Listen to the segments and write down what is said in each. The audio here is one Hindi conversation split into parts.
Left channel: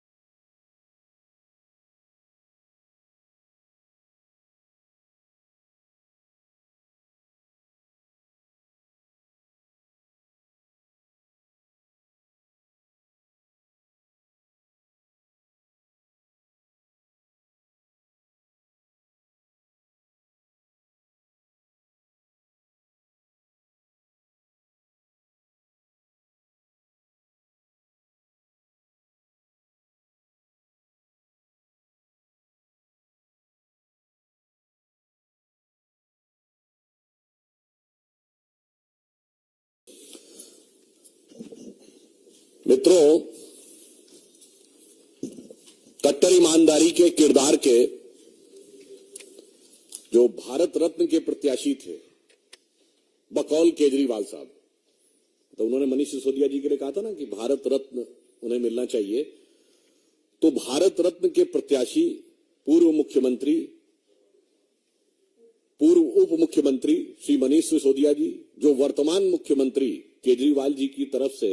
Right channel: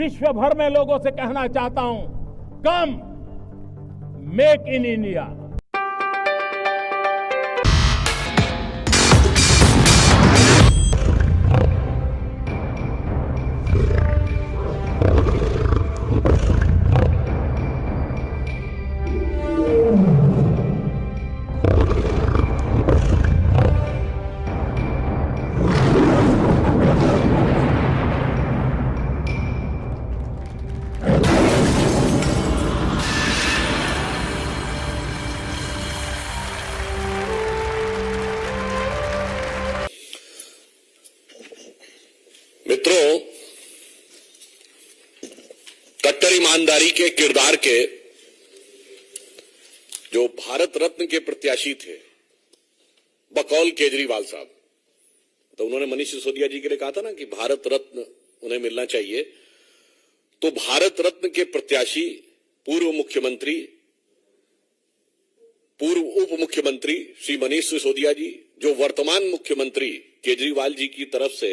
विश्व भर में लोगों से कहना चाहता हूं, कम मेक इन इंडिया। मित्रों, कट्टर ईमानदारी के किरदार के जो भारत रत्न के प्रत्याशी थे बकौल केजरीवाल साहब, तो उन्होंने मनीष सिसोदिया जी के लिए कहा था ना कि भारत रत्न उन्हें मिलना चाहिए। तो भारत रत्न के प्रत्याशी पूर्व मुख्यमंत्री, पूर्व उप मुख्यमंत्री श्री मनीष सिसोदिया जी, जो वर्तमान मुख्यमंत्री केजरीवाल जी की तरफ से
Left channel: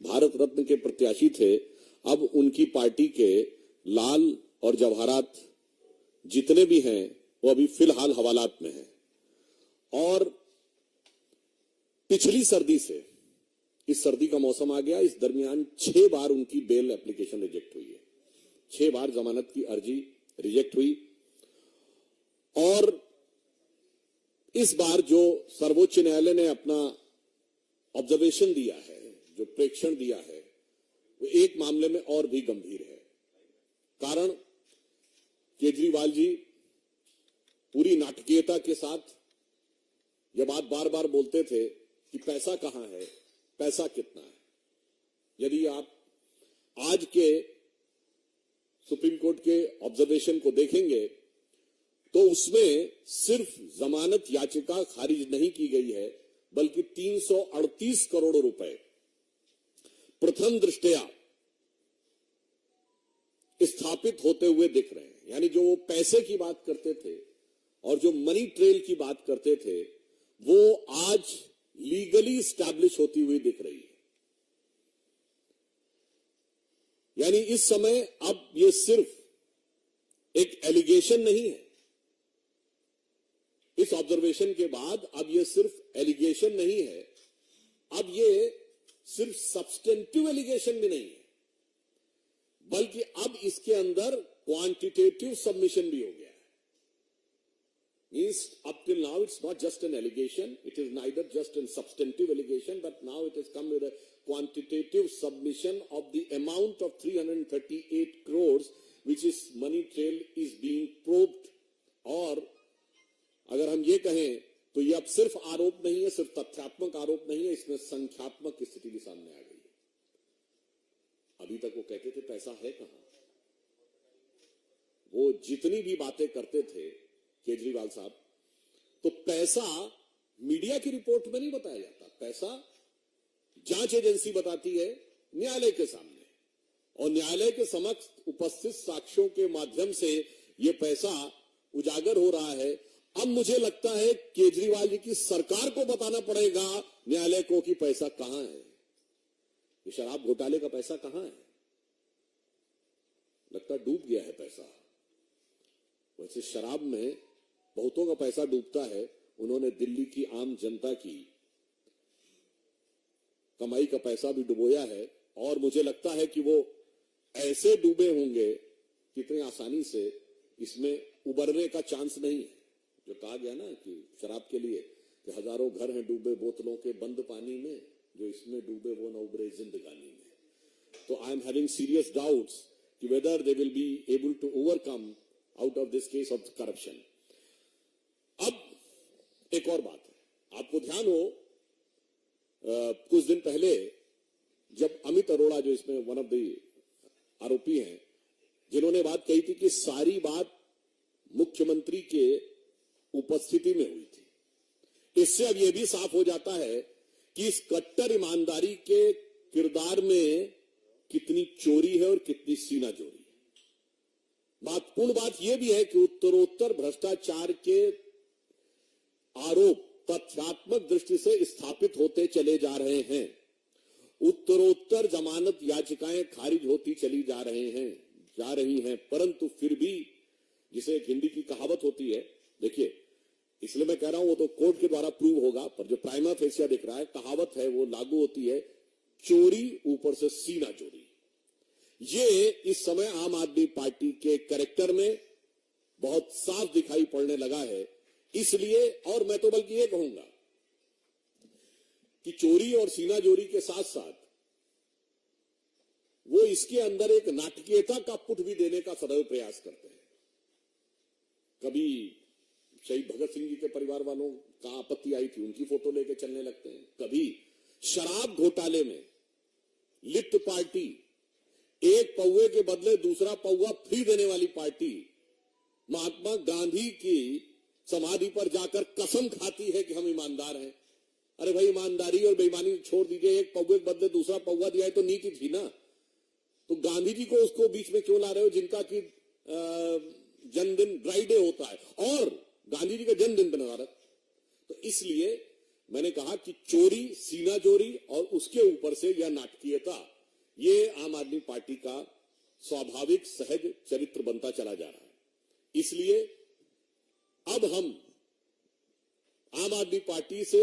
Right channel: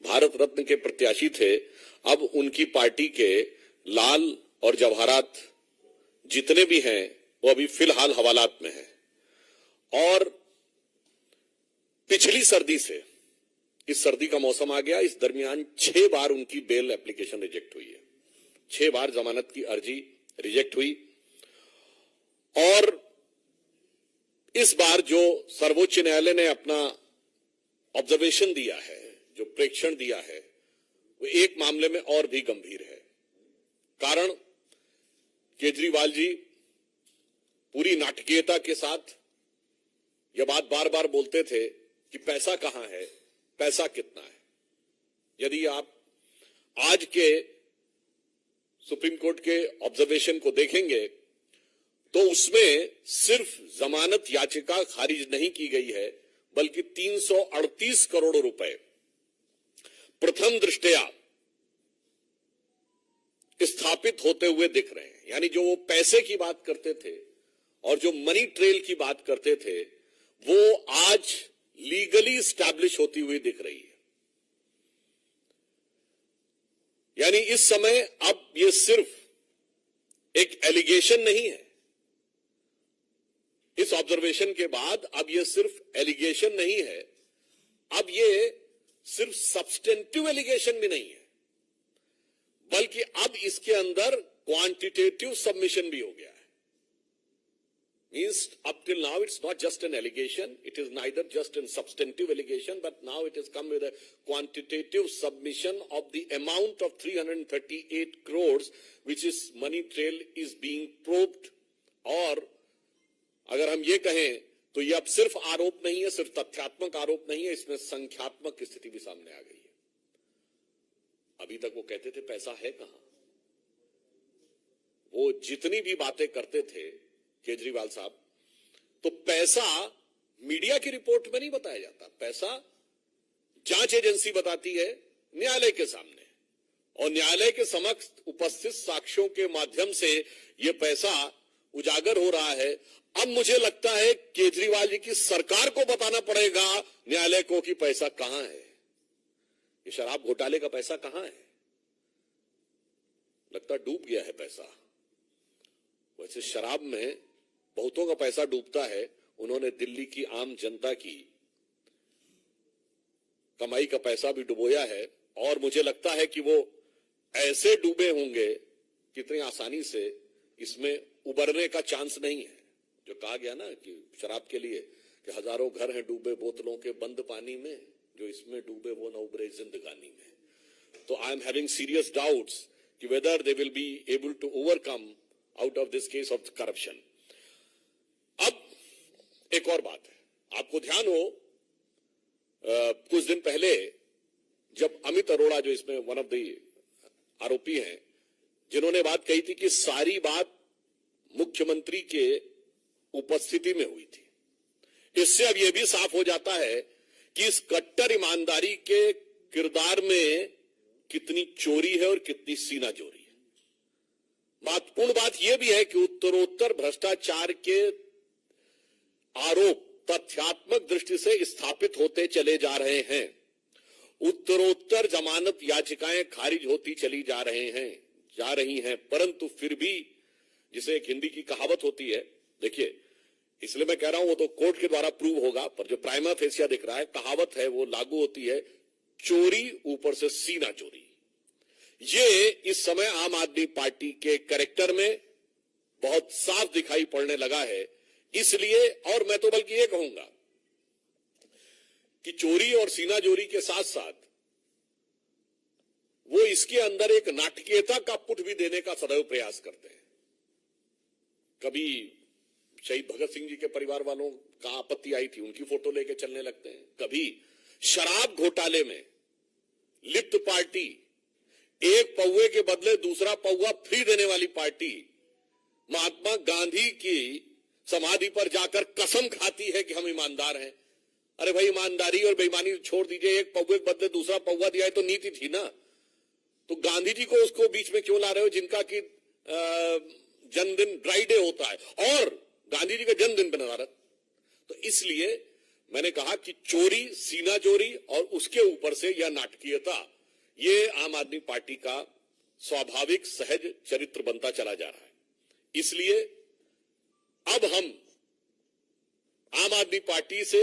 भारत रत्न के प्रत्याशी थे, अब उनकी पार्टी के लाल और जवाहरात जितने भी हैं वो अभी फिलहाल हवालात में हैं। और पिछली सर्दी से इस सर्दी का मौसम आ गया, इस दरमियान 6 बार उनकी बेल एप्लीकेशन रिजेक्ट हुई है। 6 बार जमानत की अर्जी रिजेक्ट हुई। और इस बार जो सर्वोच्च न्यायालय ने अपना ऑब्जर्वेशन दिया है, जो प्रेक्षण दिया है, वो एक मामले में और भी गंभीर है। कारण केजरीवाल जी पूरी नाटकीयता के साथ यह बात बार बार बोलते थे कि पैसा कहां है, पैसा कितना है। यदि आप आज के सुप्रीम कोर्ट के ऑब्जर्वेशन को देखेंगे तो उसमें सिर्फ जमानत याचिका खारिज नहीं की गई है, बल्कि 338 करोड़ रुपए प्रथम दृष्टया स्थापित होते हुए दिख रहे हैं। यानी जो वो पैसे की बात करते थे और जो मनी ट्रेल की बात करते थे, वो आज लीगली स्टैब्लिश होती हुई दिख रही है। यानी इस समय अब ये सिर्फ एक एलिगेशन नहीं है। इस ऑब्जर्वेशन के बाद अब ये सिर्फ एलिगेशन नहीं है, अब ये सिर्फ सब्सटेंटिव एलिगेशन भी नहीं है, बल्कि अब इसके अंदर क्वांटिटेटिव सबमिशन भी हो गया है। Means up till now it's not just an allegation, it is neither just an substantive allegation, but now it is come with a quantitative submission of the amount of 338 crores which is money trail is being probed। और अगर हम ये कहें तो ये अब सिर्फ आरोप नहीं है, सिर्फ तथ्यात्मक आरोप नहीं है, इसमें संख्यात्मक स्थिति भी सामने आ गई है। अभी तक वो कहते थे पैसा है कहां। वो जितनी भी बातें करते थे केजरीवाल साहब, तो पैसा मीडिया की रिपोर्ट में नहीं बताया जाता। पैसा जांच एजेंसी बताती है न्यायालय के सामने, और न्यायालय के समक्ष उपस्थित साक्ष्यों के माध्यम से यह पैसा उजागर हो रहा है। अब मुझे लगता है केजरीवाल जी की सरकार को बताना पड़ेगा न्यायालय को कि पैसा कहां है, ये शराब घोटाले का पैसा कहां है। लगता डूब गया है पैसा। वैसे शराब में बहुतों का पैसा डूबता है, उन्होंने दिल्ली की आम जनता की कमाई का पैसा भी डुबोया है। और मुझे लगता है कि वो ऐसे डूबे होंगे कितनी आसानी से इसमें उबरने का चांस नहीं है। जो कहा गया ना कि शराब के लिए कि हजारों घर हैं डूबे बोतलों के बंद पानी में, जो इसमें डूबे वो न उबरे जिंदगानी में। तो I am having serious doubts कि whether they will be able to overcome out of this case of corruption. अब एक और बात है, आपको ध्यान हो कुछ दिन पहले जब अमित अरोड़ा, जो इसमें वन ऑफ द आरोपी हैं, जिन्होंने बात कही थी कि सारी बात मुख्यमंत्री के उपस्थिति में हुई थी, इससे अब यह भी साफ हो जाता है कि इस कट्टर ईमानदारी के किरदार में कितनी चोरी है और कितनी सीनाजोरी है। महत्वपूर्ण बात यह भी है कि उत्तरोत्तर भ्रष्टाचार के आरोप तथ्यात्मक दृष्टि से स्थापित होते चले जा रहे हैं उत्तरोत्तर जमानत याचिकाएं खारिज होती चली जा रही हैं, परंतु फिर भी, जिसे एक हिंदी की कहावत होती है, देखिए इसलिए मैं कह रहा हूं वो तो कोर्ट के द्वारा प्रूव होगा, पर जो प्राइमा फेसिया दिख रहा है, कहावत है वो लागू होती है, चोरी ऊपर से सीना चोरी। ये इस समय आम आदमी पार्टी के कैरेक्टर में बहुत साफ दिखाई पड़ने लगा है। इसलिए, और मैं तो बल्कि ये कहूंगा कि चोरी और सीना चोरी के साथ साथ वो इसके अंदर एक नाटकीयता का पुट भी देने का सदैव प्रयास करते हैं। कभी शहीद भगत सिंह जी के परिवार वालों का आपत्ति आई थी, उनकी फोटो लेके चलने लगते हैं। कभी शराब घोटाले में लिप्त पार्टी, एक पौवे के बदले दूसरा पौवा फ्री देने वाली पार्टी, महात्मा गांधी की समाधि पर जाकर कसम खाती है कि हम ईमानदार हैं। अरे भाई, ईमानदारी और बेईमानी छोड़ दीजिए, एक पौवे के बदले दूसरा पौवा दिया है तो नीति थी ना। तो गांधी जी को उसको बीच में क्यों ला रहे हो, जिनका कि जन्मदिन ड्राई डे होता है और गांधी जी का जन्मदिन बना रहा। तो इसलिए मैंने कहा कि चोरी, सीना चोरी और उसके ऊपर से यह नाटकीयता, ये आम आदमी पार्टी का स्वाभाविक सहज चरित्र बनता चला जा रहा है। इसलिए अब हम आम आदमी पार्टी से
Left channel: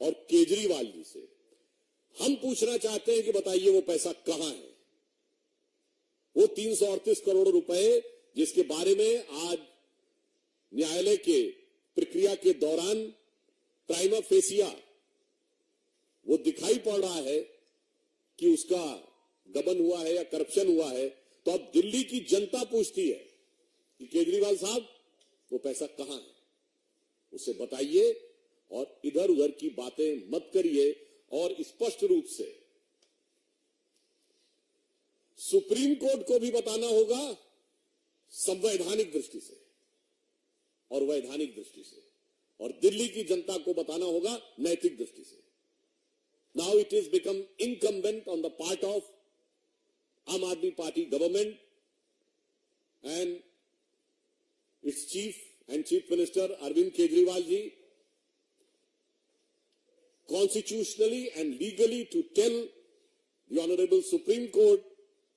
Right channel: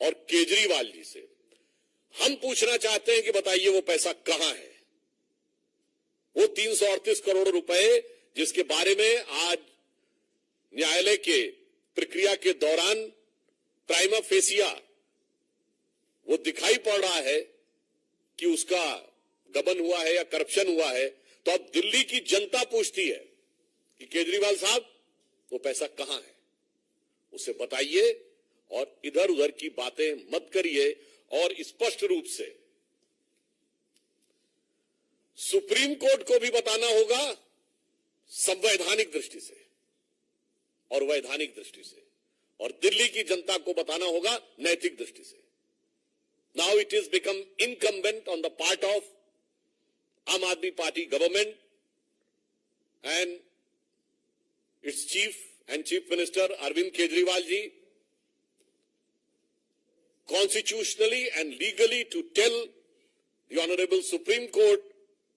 और केजरीवाल जी से हम पूछना चाहते हैं कि बताइए वो पैसा कहां है, वो 338 करोड़ रुपए जिसके बारे में आज न्यायालय के प्रक्रिया के दौरान प्राइमा फेसिया वो दिखाई पड़ रहा है कि उसका गबन हुआ है या करप्शन हुआ है। तो अब दिल्ली की जनता पूछती है कि केजरीवाल साहब वो पैसा कहां है, उसे बताइए और इधर उधर की बातें मत करिए। और स्पष्ट रूप से सुप्रीम कोर्ट को भी बताना होगा, संवैधानिक दृष्टि से और वैधानिक दृष्टि से, और दिल्ली की जनता को बताना होगा नैतिक दृष्टि से। Now it is become incumbent on the part of Aam Aadmi party government and its chief minister Arvind Kejriwal ji, constitutionally and legally to tell the Honorable Supreme Court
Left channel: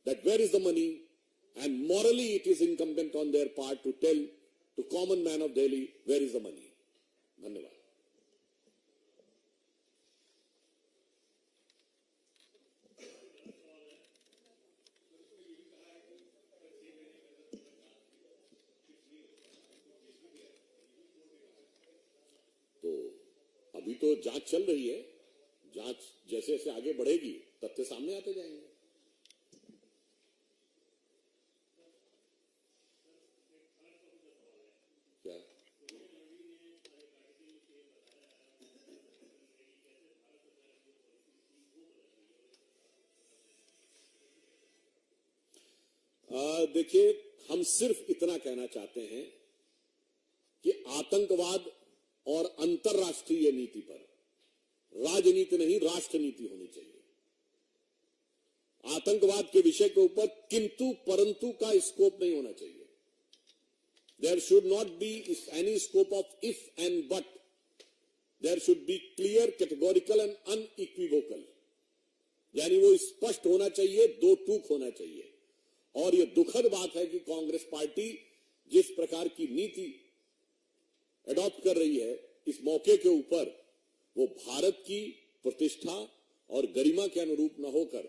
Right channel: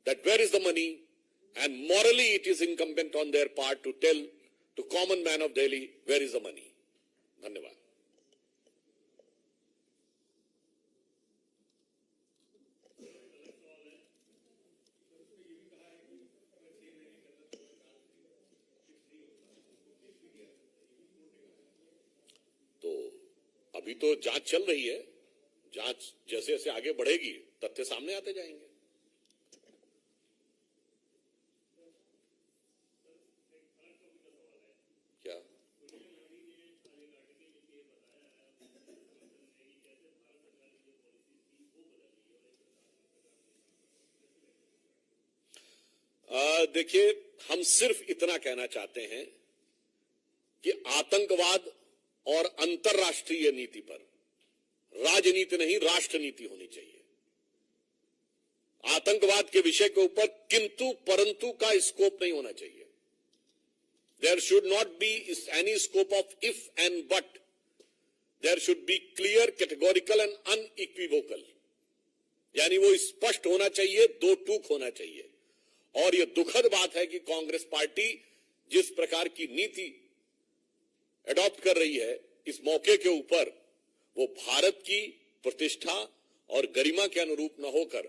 that where is the money, and morally it is incumbent on their part to tell to common man of Delhi where is the money. धन्यवाद। अभी तो जांच चल रही है, जांच जैसे जैसे आगे बढ़ेगी तथ्य सामने आते जाएंगे। क्या देखिए, हम सिर्फ इतना कहना चाहते हैं कि आतंकवाद और अंतर्राष्ट्रीय नीति पर राजनीति नहीं, राष्ट्रनीति होनी चाहिए। आतंकवाद के विषय के ऊपर किंतु परंतु का स्कोप नहीं होना चाहिए। There should not be any scope of if and but, there should be clear, categorical and unequivocal, यानी वो स्पष्ट होना चाहिए, दो टूक होना चाहिए। और यह दुखद बात है कि कांग्रेस पार्टी जिस प्रकार की नीति एडॉप्ट कर रही है इस मौके के ऊपर, वो भारत की प्रतिष्ठा और गरिमा के अनुरूप न होकर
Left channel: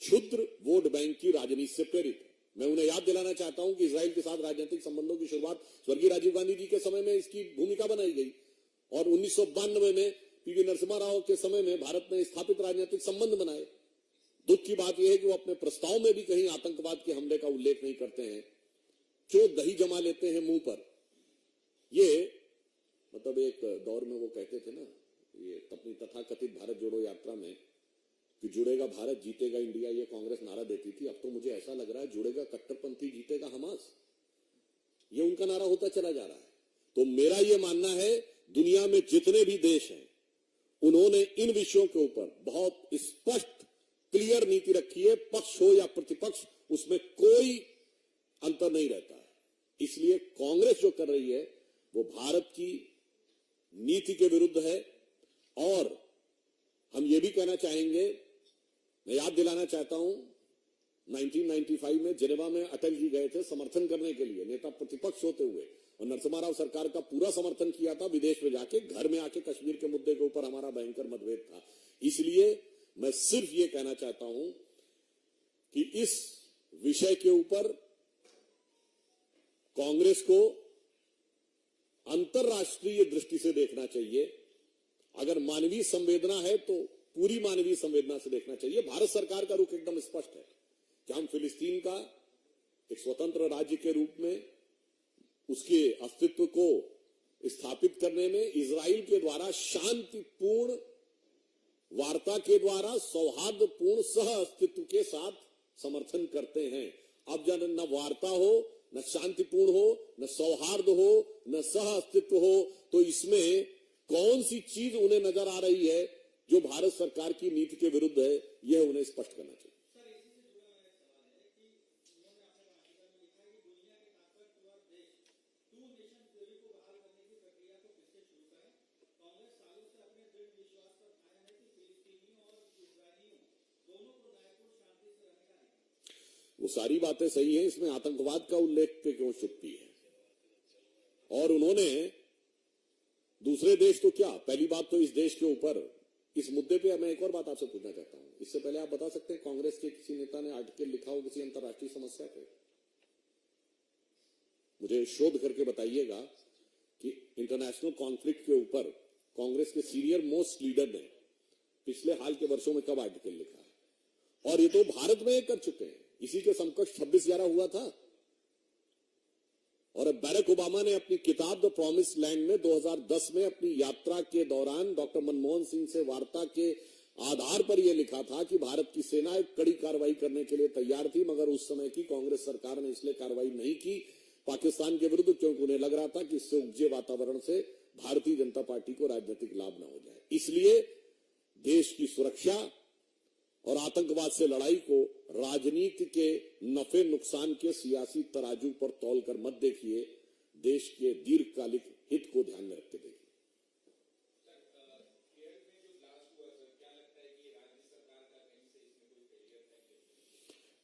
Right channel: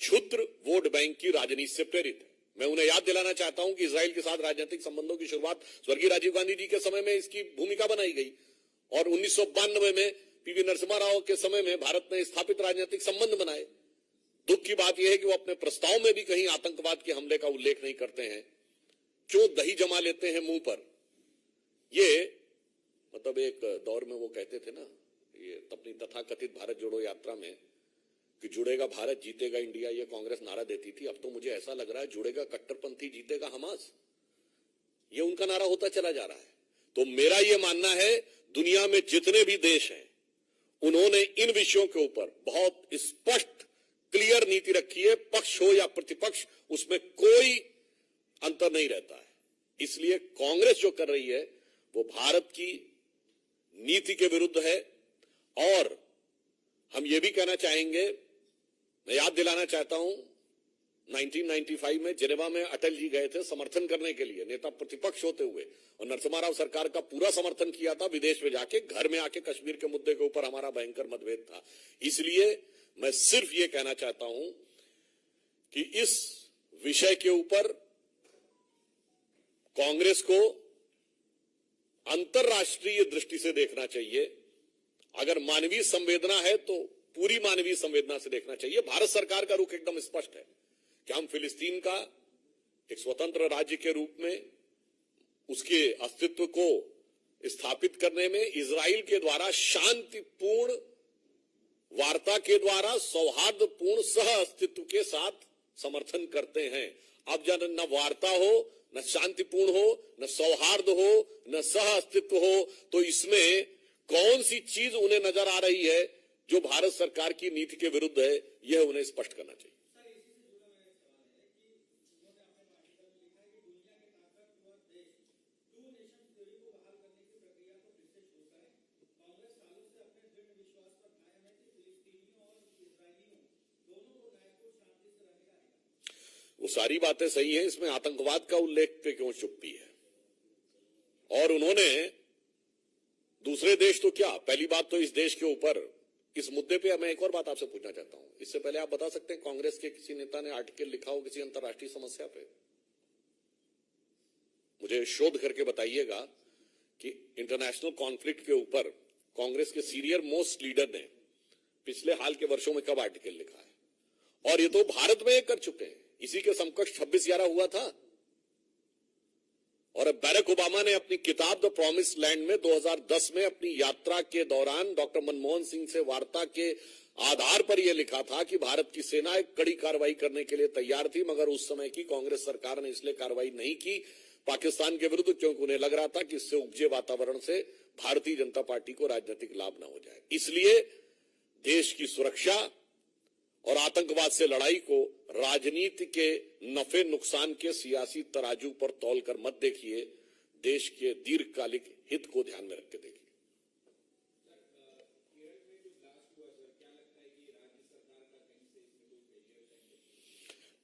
क्षुद्र वोट बैंक की राजनीति से प्रेरित है। मैं उन्हें याद दिलाना चाहता हूं कि इजराइल के साथ राजनीतिक संबंधों की शुरुआत स्वर्गीय राजीव गांधी जी के समय में इसकी भूमिका बनाई गई, और 1992 में पीवी नरसिम्हा राव के समय में भारत ने स्थापित राजनीतिक संबंध बनाए। दुख की बात यह है कि वो अपने प्रस्ताव में भी कहीं आतंकवाद के हमले का उल्लेख नहीं करते हैं, क्यों दही जमा लेते हैं मुंह पर। ये मतलब एक दौर में वो कहते थे ना, ये अपनी तथाकथित भारत जोड़ो यात्रा में, कि जुड़ेगा भारत जीतेगा इंडिया, ये कांग्रेस नारा देती थी। अब तो मुझे ऐसा लग रहा है जुड़ेगा कट्टरपंथी जीतेगा हमास, ये उनका नारा होता चला जा रहा है। तो मेरा ये मानना है, दुनिया में जितने भी देश हैं उन्होंने इन विषयों के ऊपर बहुत स्पष्ट क्लियर नीति रखी है, पक्ष हो या प्रतिपक्ष उसमें कोई अंतर नहीं रहता है। इसलिए कांग्रेस जो कर रही है वो भारत की नीति के विरुद्ध है। और हम ये भी कहना चाहेंगे मैं याद दिलाना चाहता हूं 1995 में जिनेवा में अटल जी गए थे समर्थन करने के लिए, नेता प्रतिपक्ष होते हुए, और नरसिम्हा राव सरकार का पूरा समर्थन किया था। विदेश में जाके घर में आके कश्मीर के मुद्दे के ऊपर हमारा भयंकर मतभेद था। इसलिए मैं सिर्फ ये कहना चाहता हूं कि इस विषय के ऊपर कांग्रेस को अंतर्राष्ट्रीय दृष्टि से देखना चाहिए। अगर मानवीय संवेदना है तो पूरी मानवीय संवेदना से देखना चाहिए। भारत सरकार का रुख एकदम स्पष्ट है कि हम फिलिस्तीन का एक स्वतंत्र राज्य के रूप में उसके अस्तित्व को स्थापित करने में इजराइल के द्वारा शांतिपूर्ण वार्ता के द्वारा सौहार्दपूर्ण सह अस्तित्व के साथ समर्थन करते हैं। अब जब न वार्ता हो, न शांतिपूर्ण हो, न सौहार्द हो, न सह अस्तित्व हो, तो इसमें कौन सी चीज उन्हें नजर आ रही है जो भारत सरकार की नीति के विरुद्ध है, यह उन्हें स्पष्ट करना चाहिए। वो सारी बातें सही हैं, इसमें आतंकवाद का उल्लेख पे क्यों चुप्पी है? और उन्होंने दूसरे देश तो क्या, पहली बात तो इस देश के ऊपर इस मुद्दे पे मैं एक और बात आपसे पूछना चाहता हूं। इससे पहले आप बता सकते हैं कांग्रेस के किसी नेता ने आर्टिकल लिखा हो किसी अंतर्राष्ट्रीय समस्या पे? मुझे शोध करके बताइएगा कि इंटरनेशनल कॉन्फ्लिक्ट के ऊपर कांग्रेस के सीनियर मोस्ट लीडर ने पिछले हाल के वर्षों में कब आर्टिकल लिखा है। और ये तो भारत में कर चुके हैं। इसी के समकक्ष 26/11 हुआ था। और अब बैरक ओबामा ने अपनी किताब द प्रॉमिस लैंड में 2010 में अपनी यात्रा के दौरान डॉक्टर मनमोहन सिंह से वार्ता के आधार पर यह लिखा था कि भारत की सेना एक कड़ी कार्रवाई करने के लिए तैयार थी, मगर उस समय की कांग्रेस सरकार ने इसलिए कार्रवाई नहीं की पाकिस्तान के विरुद्ध, क्योंकि उन्हें लग रहा था कि इससे उपजे वातावरण से भारतीय जनता पार्टी को राजनीतिक लाभ न हो जाए। इसलिए देश की सुरक्षा और आतंकवाद से लड़ाई को राजनीति के नफे नुकसान के सियासी तराजू पर तौलकर मत देखिए, देश के दीर्घकालिक हित को ध्यान में रख के देखिए।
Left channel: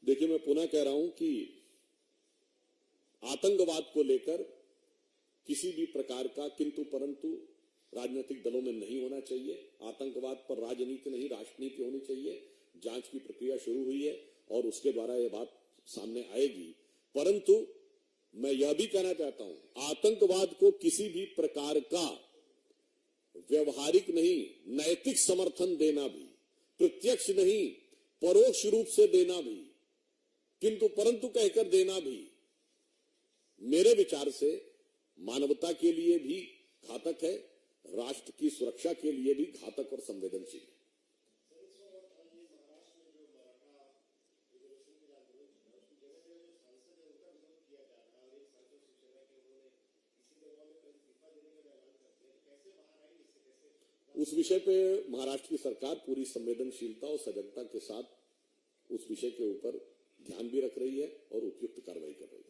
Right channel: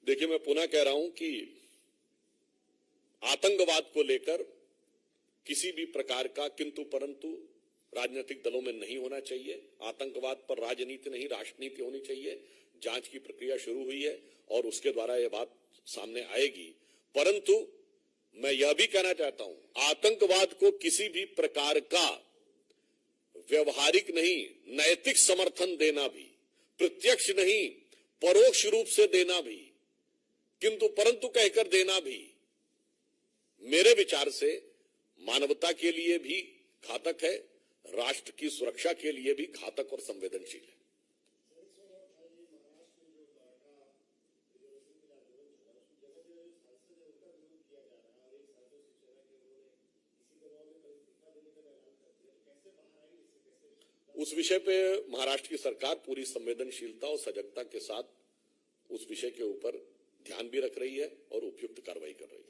देखिए, मैं पुनः कह रहा हूं कि आतंकवाद को लेकर किसी भी प्रकार का किंतु परंतु राजनीतिक दलों में नहीं होना चाहिए। आतंकवाद पर राजनीति नहीं, राष्ट्रनीति होनी चाहिए। जांच की प्रक्रिया शुरू हुई है और उसके द्वारा यह बात सामने आएगी। परंतु मैं यह भी कहना चाहता हूं, आतंकवाद को किसी भी प्रकार का व्यवहारिक नहीं, नैतिक समर्थन देना भी, प्रत्यक्ष नहीं परोक्ष रूप से देना भी, किंतु परंतु कहकर देना भी, मेरे विचार से मानवता के लिए भी घातक है, राष्ट्र की सुरक्षा के लिए भी घातक और संवेदनशील है। उस विषय पे महाराष्ट्र की सरकार पूरी संवेदनशीलता और सजगता के साथ उस विषय के ऊपर ध्यान भी रख रही है और उपयुक्त कार्रवाई कर रही है।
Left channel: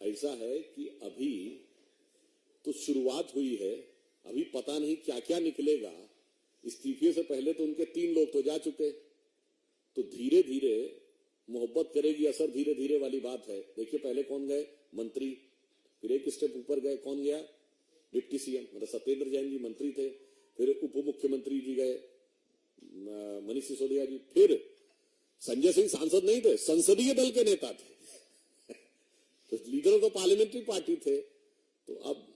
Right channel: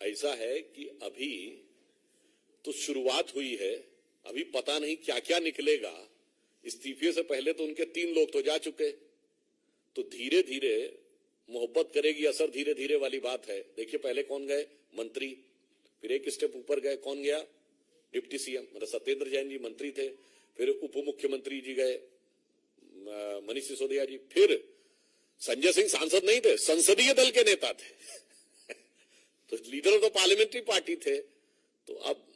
ऐसा है कि अभी तो शुरुआत हुई है, अभी पता नहीं क्या क्या निकलेगा। इस्तीफे से पहले तो उनके 3 लोग तो जा चुके, तो धीरे धीरे मोहब्बत करेगी असर धीरे धीरे वाली बात है। देखिए, पहले कौन गए? मंत्री। फिर एक स्टेप ऊपर गए, कौन गया? डिप्टी सीएम, मतलब सत्येंद्र जैन जी मंत्री थे। फिर उप मुख्यमंत्री जी गए, मनीष सिसोदिया जी। फिर संजय सिंह सांसद नहीं थे, संसदीय दल के नेता थे तो leader of the parliamentary party थे। तो अब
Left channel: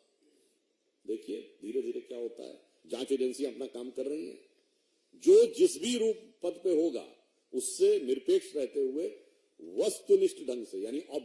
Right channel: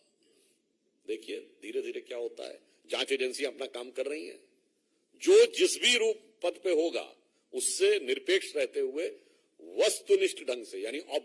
देखिए धीरे धीरे क्या होता है। जांच एजेंसियां अपना काम कर रही हैं। जो जिस भी रूप पद पे होगा उससे निरपेक्ष रहते हुए वस्तुनिष्ठ ढंग से, यानी